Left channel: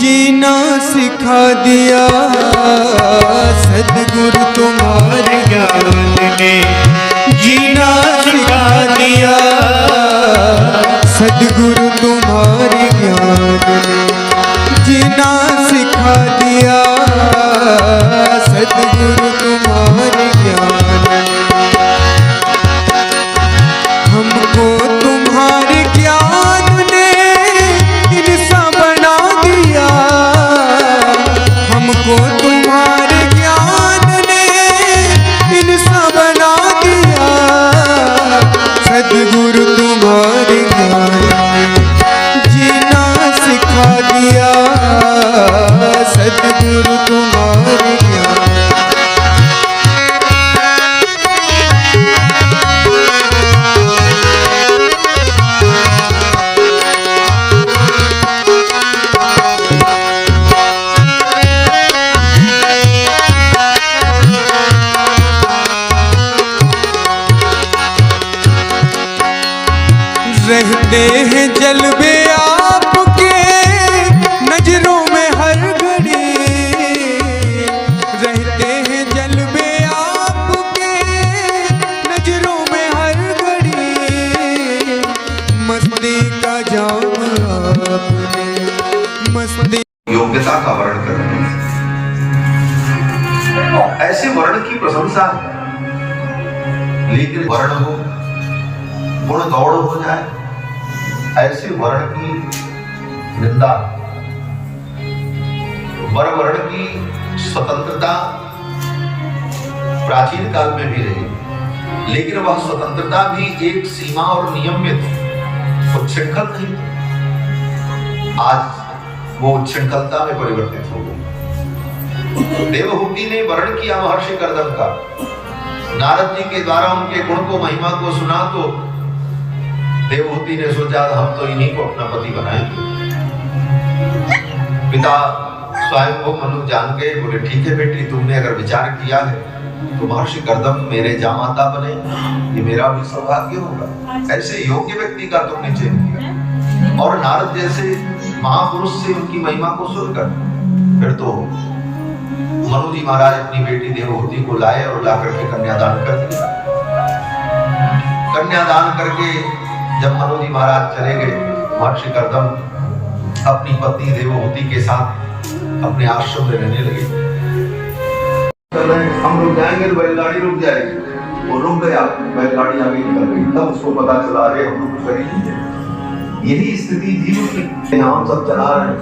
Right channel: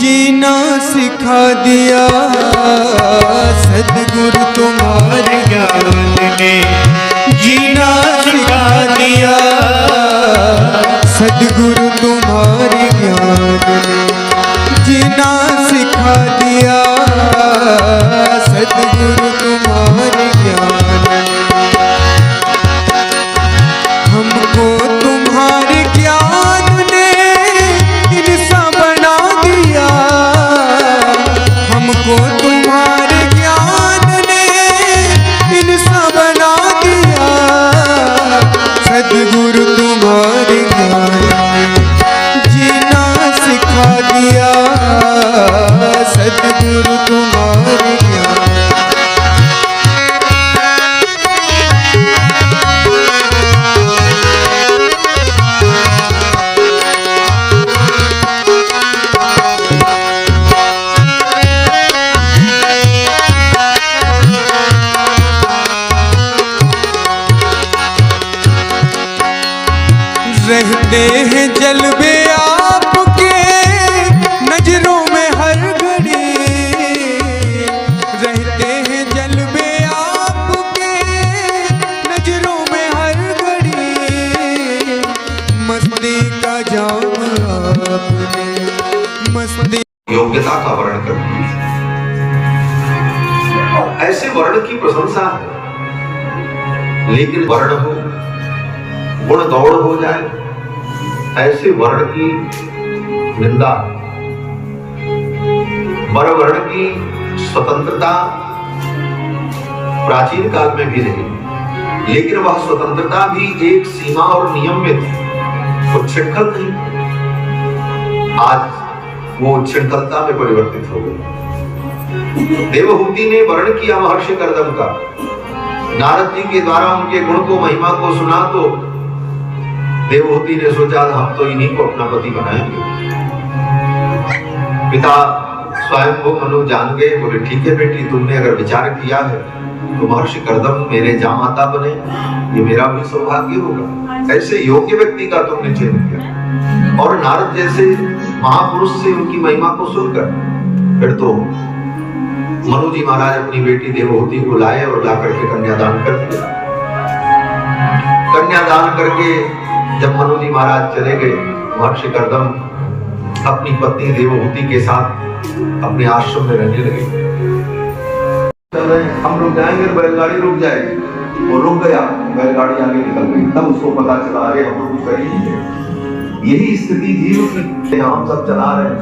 जीना सिखा दिया सद्गुरु तुम्हारे ज्ञान ने, जीना सिखा दिया सद्गुरु तुम्हारे ज्ञान ने, जीना सिखा दिया सद्गुरु तुम्हारे ज्ञान ने। हमको तुम्हारे ज्ञान ने इंसान बना दिया, हमको तुम्हारे ज्ञान ने इंसान बना दिया सद्गुरु तुम्हारे ज्ञान ने, जीना सिखा दिया सद्गुरु तुम्हारे ज्ञान। रहते हैं जलवे आपके नजरों में हर घड़ी, रहते हैं जलवे आपके नजरों में हर घड़ी, मस्ती का जाम आपने मस्ती। योग्यता का वर्ण करते हैं, ऐसे वर्ण की प्रशंसा है, लेकिन वर्ण हो गुण गौड़ हो जाए ऐसे वर्ण की निंदा। वर वर्ण की स्वतंत्रता प्राचीन काल में भी रही, लेकिन वह स्वतंत्रता भी एक सीमा और नियम में थी, वो उच्छृंखल नहीं थी। आज वो उच्छृंखलता में परिवर्तित हो गई। देवहूति ने वर्ण किया महर्षि कर्दम का, नारद जी के द्वारा उनके गुण को महिमा को सुना तो देवहूति ने सोचा हम तो इन्हीं को अपना पति बनाएंगे। पिता स्वयं को मनु जान गए, बोले ठीक है बेटी, तुमने अगर विचार किया है तो महर्षि कर्दम मेरे जामाता बने, ये मेरा भी सौभाग्य होगा। ऐसे योग्य व्यक्ति का तुमने चयन किया, और नारद जैसे महापुरुष से उनकी महिमा को सुनकर फिर तो मनु जी महाराज अपनी बेटी देवहूति को लाए और ला करके कन्यादान कर दिया। कन्यादान करके जब मनु जी महाराज चले गए, महर्षि कर्दम अपनी पत्नी देवहूति के साथ अपने आश्रम में रहने लगे। हम रुक जाएंगे, बैलगाड़ी रुक जाएगी, वो रुक गया, बैलगाड़ी आगे निकल गई, तब उसको पता चला अरे हम लोग कर ही नहीं। यही स्थिति जीव की, हम सब चला रहे हैं,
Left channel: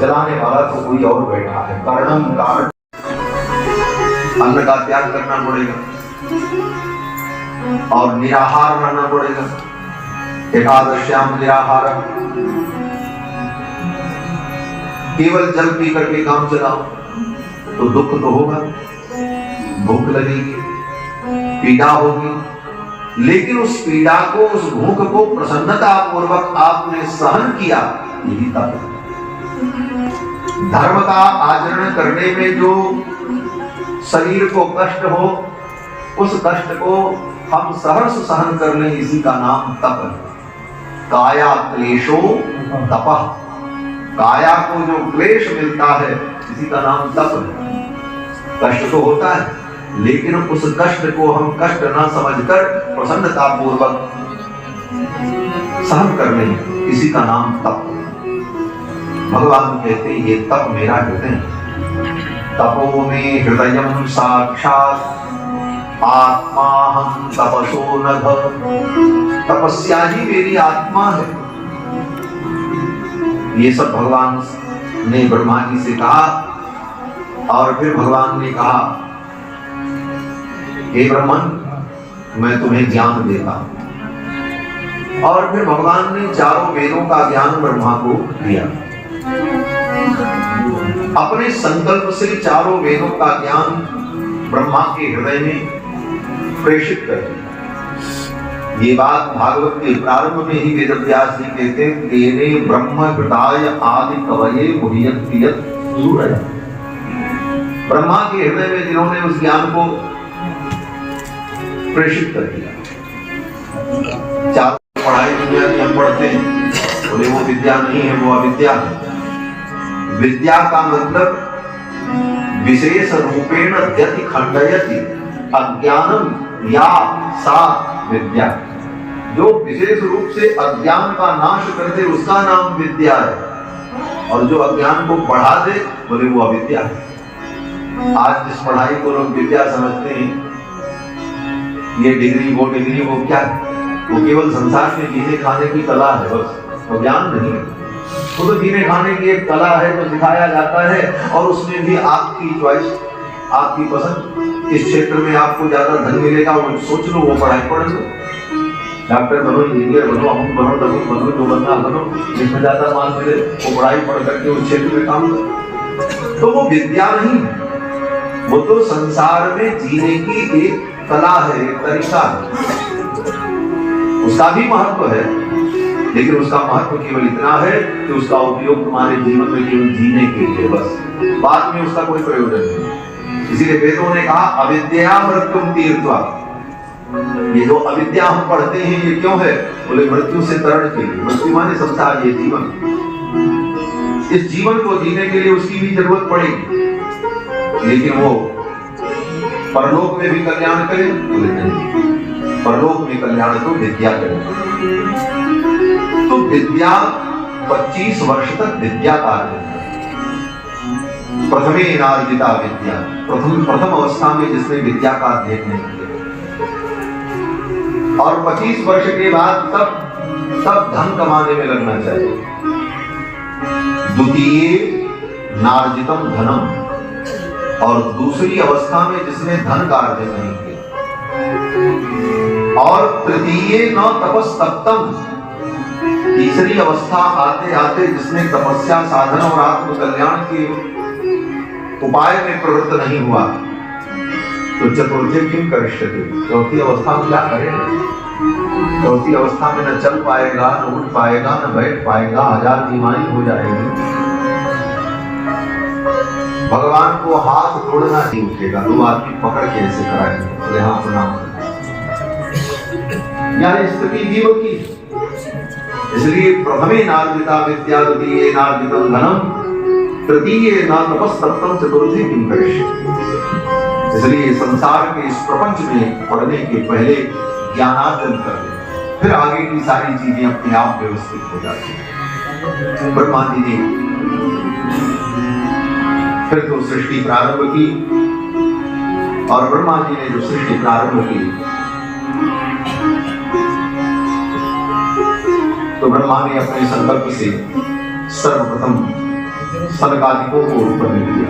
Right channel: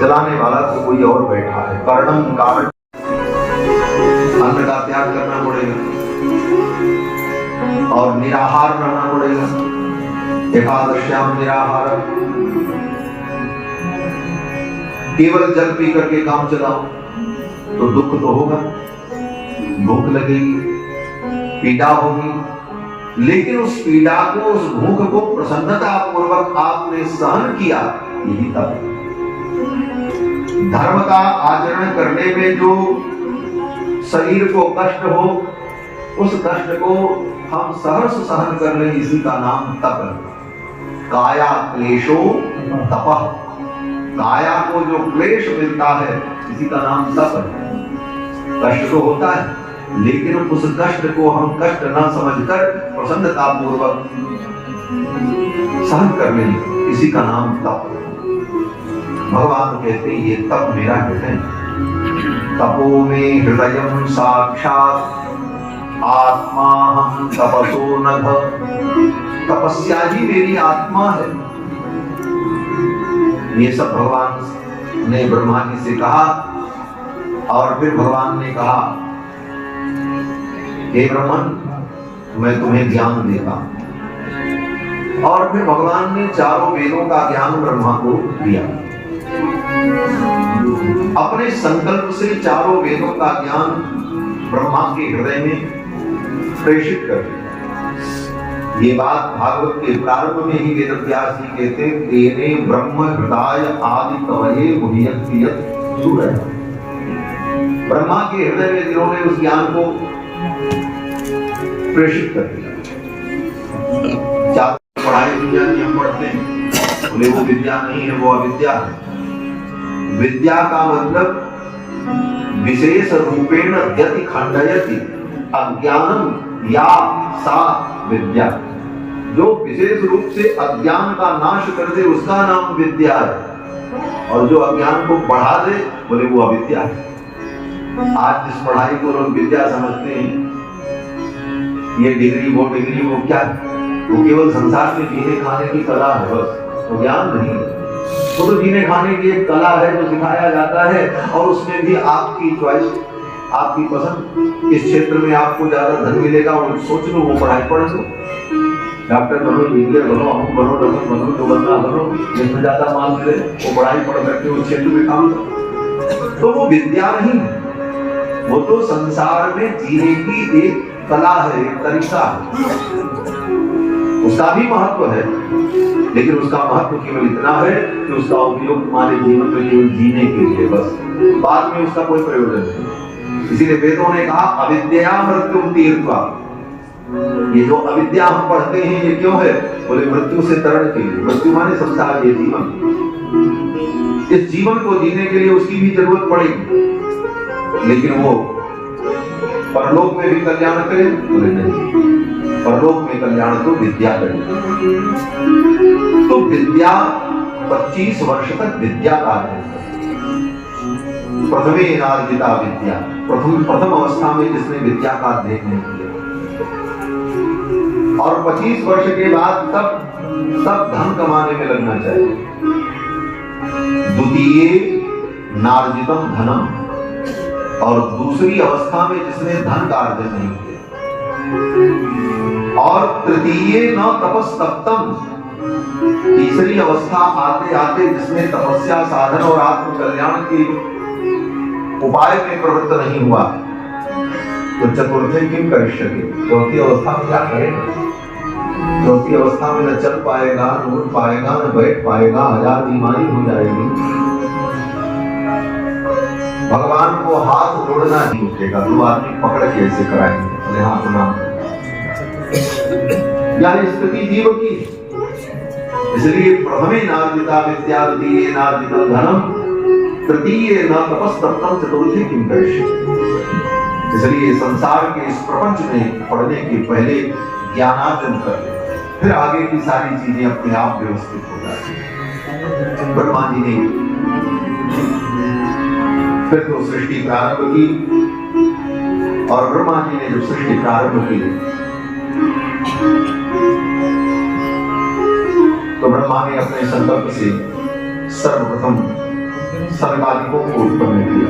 चलाने वाला तो कोई और बैठा है। कर्णम कारण अन्न का त्याग करना पड़ेगा और निराहार रहना पड़ेगा। एकादश्याम निराहार, केवल जल पी करके काम चलाओ तो दुख तो होगा, भूख लगेगी, पीड़ा होगी, लेकिन उस पीड़ा को, उस भूख को प्रसन्नता पूर्वक आपने सहन किया, यही तप। धर्म का आचरण करने में जो शरीर को कष्ट हो, उस कष्ट को हम सहर्ष सहन कर लें, इसी का नाम तप है। काया क्लेशो तपः, काया को जो क्लेश मिलता है इसी का नाम तप है। कष्ट तो होता है, लेकिन उस कष्ट को हम कष्ट ना समझकर प्रसन्नता पूर्वक सहन कर लें, इसी का नाम तप। भगवान कहते हैं ये तप मेरा हृदय, तपो में हृदयम साक्षात आत्मा हम तपसो नभ, तपस्या ही मेरी आत्मा है। ये सब भगवान ने ब्रह्मा जी से कहा, और फिर भगवान ने कहा हे ब्रह्मन मैं तुम्हें ज्ञान देता हूं, और फिर भगवान ने चारों वेदों का ज्ञान ब्रह्मा को दिया। अपने संकल्प से चारों वेदों का ज्ञान ब्रह्मा के हृदय में प्रेषित कर दिया। ये बात भागवत के प्रारंभ में ही वेदव्यास जी कहते, तेने ब्रह्म हृदय आदि कवये मुह्यन्ति यत् सूरय। ब्रह्मा के हृदय में जिन्होंने उस ज्ञान को प्रेषित कर दिया। चार पढ़ाई दुनिया की हम पढ़ते हैं, बोले वो विद्या नहीं है, वो अविद्या है। विद्या का मतलब विशेष रूपेण यति खंडयति अज्ञानम या सा विद्या। जो विशेष रूप से अज्ञान का नाश कर दे उसका नाम विद्या है, और जो अज्ञान को बढ़ा दे बोले वो अविद्या है। आज जिस पढ़ाई को लोग विद्या समझते हैं, ये डिग्री वो क्या है? वो केवल संसार में जीने खाने की कला है बस, वो ज्ञान नहीं। वो तो जीने खाने की एक कला है जो सिखाया जाता है, और उसमें भी आपकी चॉइस, आपकी पसंद। इस क्षेत्र में आपको ज्यादा धन मिलेगा वो सोच लो, वो पढ़ाई पढ़ लो। डॉक्टर बनो, इंजीनियर बनो, अमुक बनो, डमुक बनो, जो बनना बनो, जिसमें ज्यादा मान मिले वो पढ़ाई पढ़ करके उस क्षेत्र में काम करो। तो वो विद्या नहीं है, वो तो संसार में जीने की एक कला है, एक तरीका है। उसका भी महत्व है, लेकिन उसका महत्व केवल इतना है कि उसका उपयोग तुम्हारे जीवन में केवल जीने के लिए बस, बाद में उसका कोई प्रयोजन नहीं। इसीलिए वेदों ने कहा अविद्या मृत्युम तीर्थवा। ये जो अविद्या हम पढ़ते हैं ये क्यों है? बोले मृत्यु से तरण के लिए। मृत्यु माने संसार, ये जीवन, इस जीवन को जीने के लिए उसकी भी जरूरत पड़ेगी, लेकिन वो परलोक में भी कल्याण करे? बोले नहीं, परलोक में कल्याण तो विद्या करे। तो विद्या 25 वर्ष तक विद्या का है। प्रथमे नार्जिता विद्या, प्रथम अवस्था में जिसने विद्या का अध्ययन नहीं किया, और 25 वर्ष के बाद तब धन कमाने में लगना चाहिए। द्वितीय नार्जितम धनम, और दूसरी अवस्था में जिसने धन का अर्जन नहीं किया, और तृतीय न तपस्तप्तम, तीसरी अवस्था आते आते जिसने तपस्या, साधन और आत्म कल्याण के उपाय में प्रवृत्त नहीं हुआ, तो चतुर्थे किम करिष्यति, चौथी अवस्था में क्या करेगा? चौथी अवस्था में न चल पाएगा, न उठ पाएगा, न बैठ पाएगा, 1000 बीमारी हो जाएगी। भगवान को हाथ जोड़ना नहीं उठेगा, 2 आदमी पकड़ के ऐसे कराएंगे, यहाँ प्रणाम। यह स्थिति जीव की, इसलिए प्रथमे नार्जिता विद्या, द्वितीये नार्जितम धनम, तृतीये न तपस्तप्तम, चतुर्थे किम करिष्यति। इसलिए संसार के इस प्रपंच में पढ़ने के पहले ज्ञानार्जन कर ले, फिर आगे की सारी चीजें अपने आप व्यवस्थित हो जाती हैं। ब्रह्मा जी ने फिर तो सृष्टि प्रारंभ की, और ब्रह्मा जी ने जो सृष्टि प्रारंभ की तो ब्रह्मा ने अपने संकल्प से सर्वप्रथम सनकादिकों को उत्पन्न किया।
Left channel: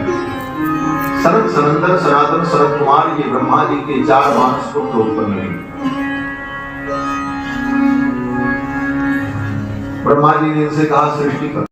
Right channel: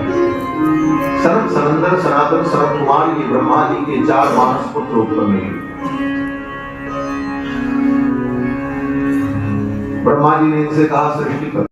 सनक, सनंदन, सनातन, सनत कुमार, ये ब्रह्मा जी के 4 मानस पुत्र उत्पन्न हुए। ब्रह्मा जी ने इनसे कहा सृष्टि कर।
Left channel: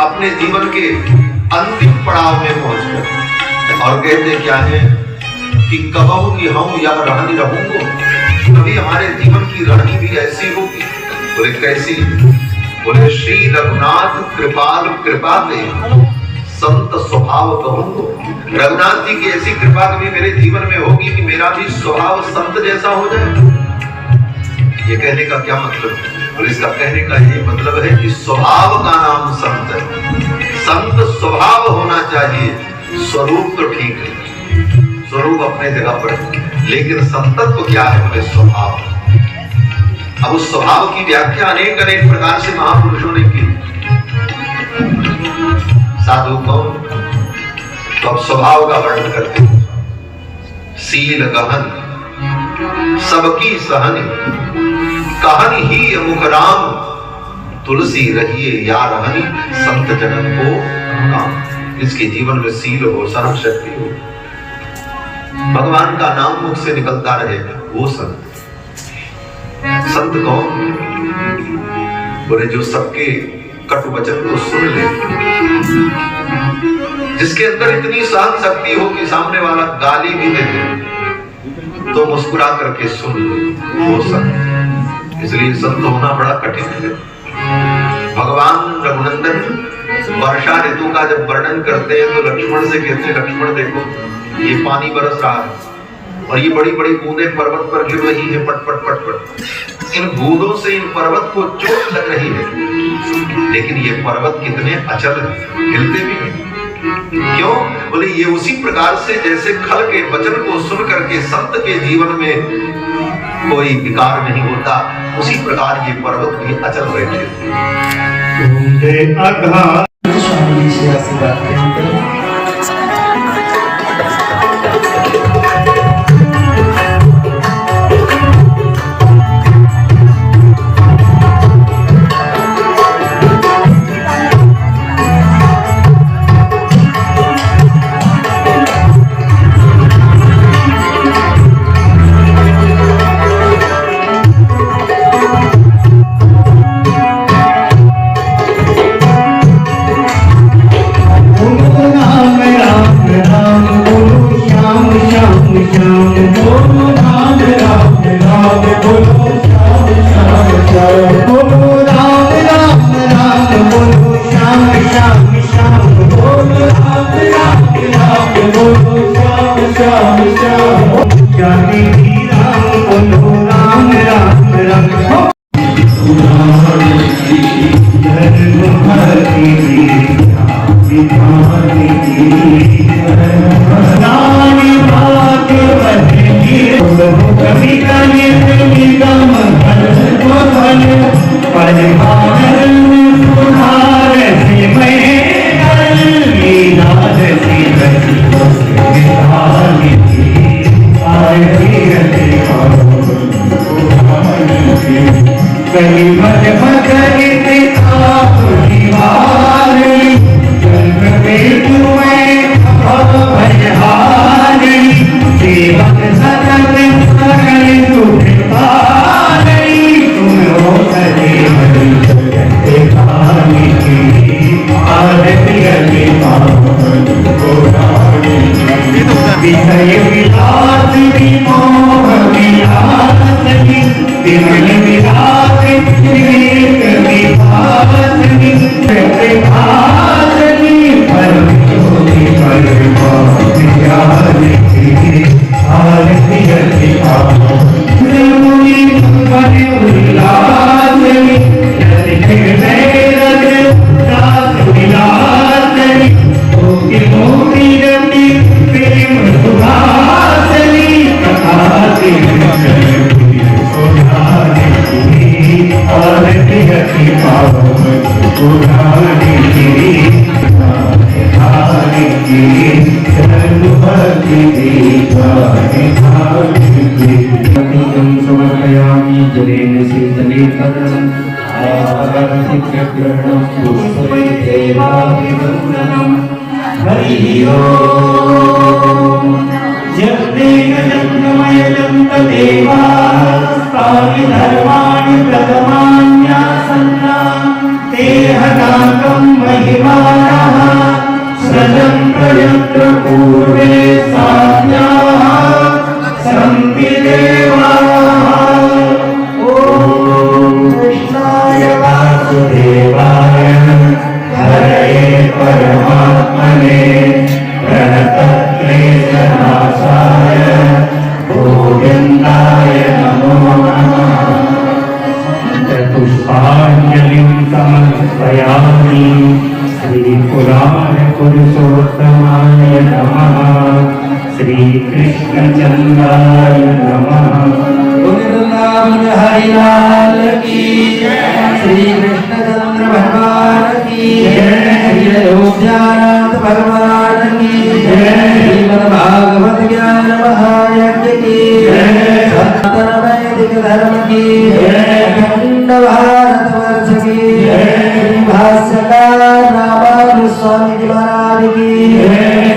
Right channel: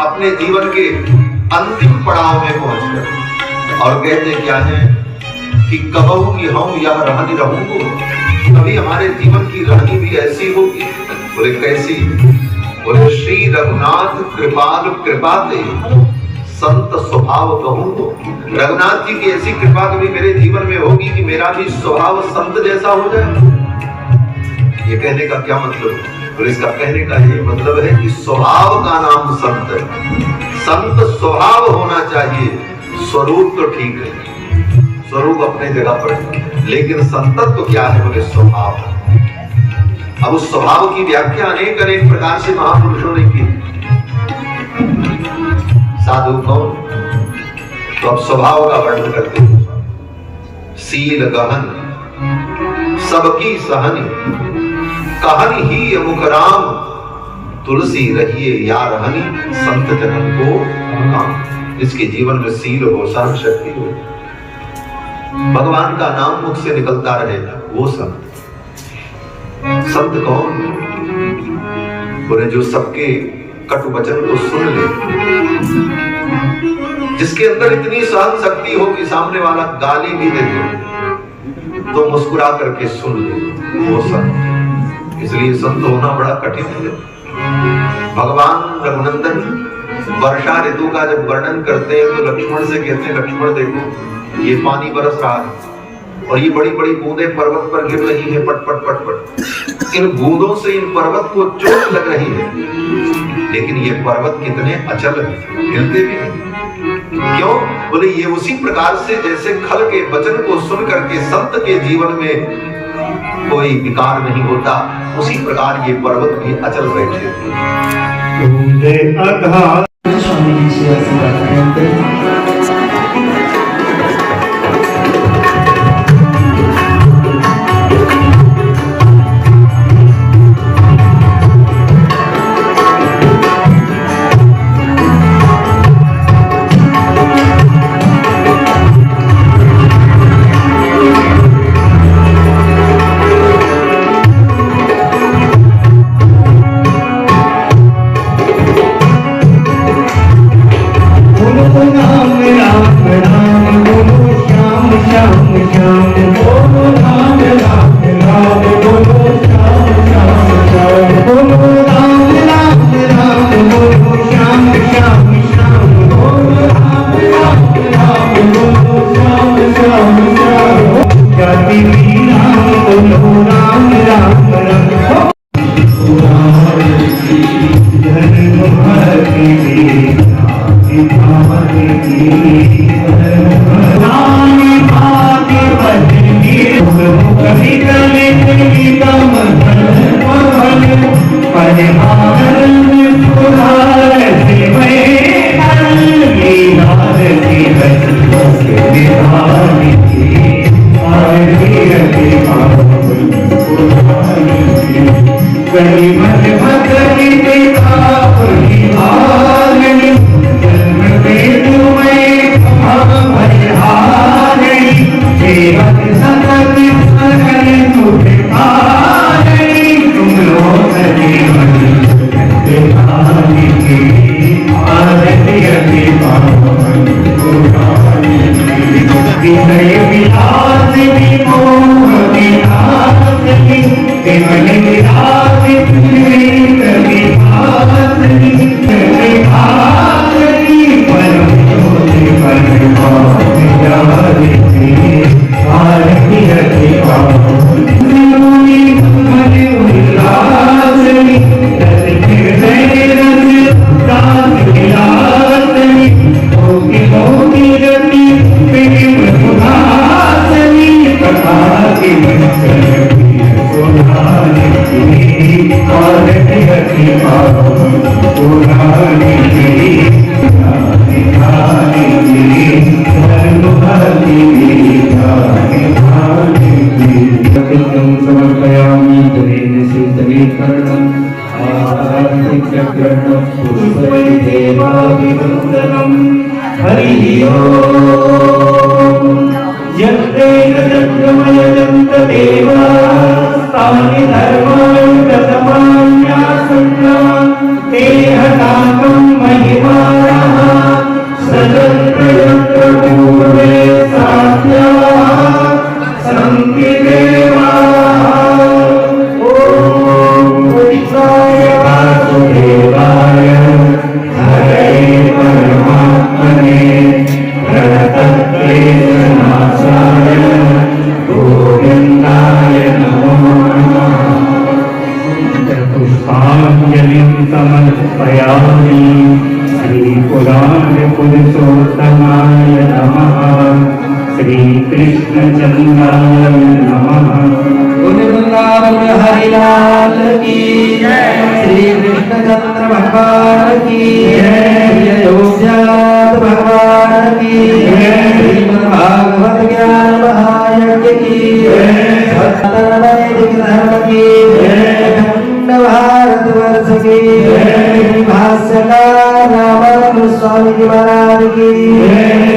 अपने जीवन के अंतिम पड़ाव में पहुंचकर, और कहते क्या है कि कबहू की हम यह रहनी रहूंगो, कभी हमारे जीवन की रहनी भी ऐसी होगी। बोले कैसी? बोले श्री रघुनाथ कृपाल कृपा दे संत स्वभाव कहूंगो। रघुनाथ जी की ऐसी कृपा कभी मेरे जीवन में होगी कि मेरा भी स्वभाव संत जैसा हो जाए। ये कहने का क्या मतलब है? और इसका कहने का ये मतलब है कि स्वभाव का नाम संत है। संत स्वभाव होना चाहिए, स्वरूप तो ठीक है, स्वरूप अपने जगह पर, लेकिन संतत्व क्या है? बोले स्वभाव। अब उस स्वभाव की व्याख्या अनेक अनेक प्रकार से महापुरुषों ने की। साधु कौन? तो अब स्वभाव का वर्णन करते हैं। सील गहन सबकी सहनी, कहन ही अमुख राम, तुलसी रहिए या रहनी, संत जनन को काम। जिसके जीवन में सील हो, सहन शक्ति हो, भगवान का नाम मुख से निकलता रहेगा, वो संत। संत कौन? बोले जो सबके कटु वचन को सुन ले, जिसके अंदर इतनी सहन शक्ति हो कि सामने वाला गाली भी दे दे तो मुस्कुरा करके सुन ले, वो संत। इसलिए संत होना बड़ा कठिन है। भगवान रघुनंदन वर्षा ऋतु का जब वर्णन करते हैं तो लक्ष्मण से कहते हैं, लक्ष्मण देखो ये पानी बरस रहा है और ये बड़ी बड़ी बूंदें पर्वत पर गिर रही है, पट पट पट पट। इन बूंदों से इन पर्वत को चोट लग रही है, लेकिन ये पर्वत कितने अचल है, हिलते भी नहीं। क्यों? बोले ये उसी प्रकार से जैसे खल के वचन को सुन करके संत के जीवन में कोई विकार नहीं होता, उसी प्रकार ये पर्वत भी अचल बैठे। स्वामी जी से आशीर्वाद लेते हैं। भगवान की श्रीमद् भागवत ज्ञान महाराज धर्म की अखंड भारत वर्ष की भाष्यकार रामानुज स्वामी जी महाराज की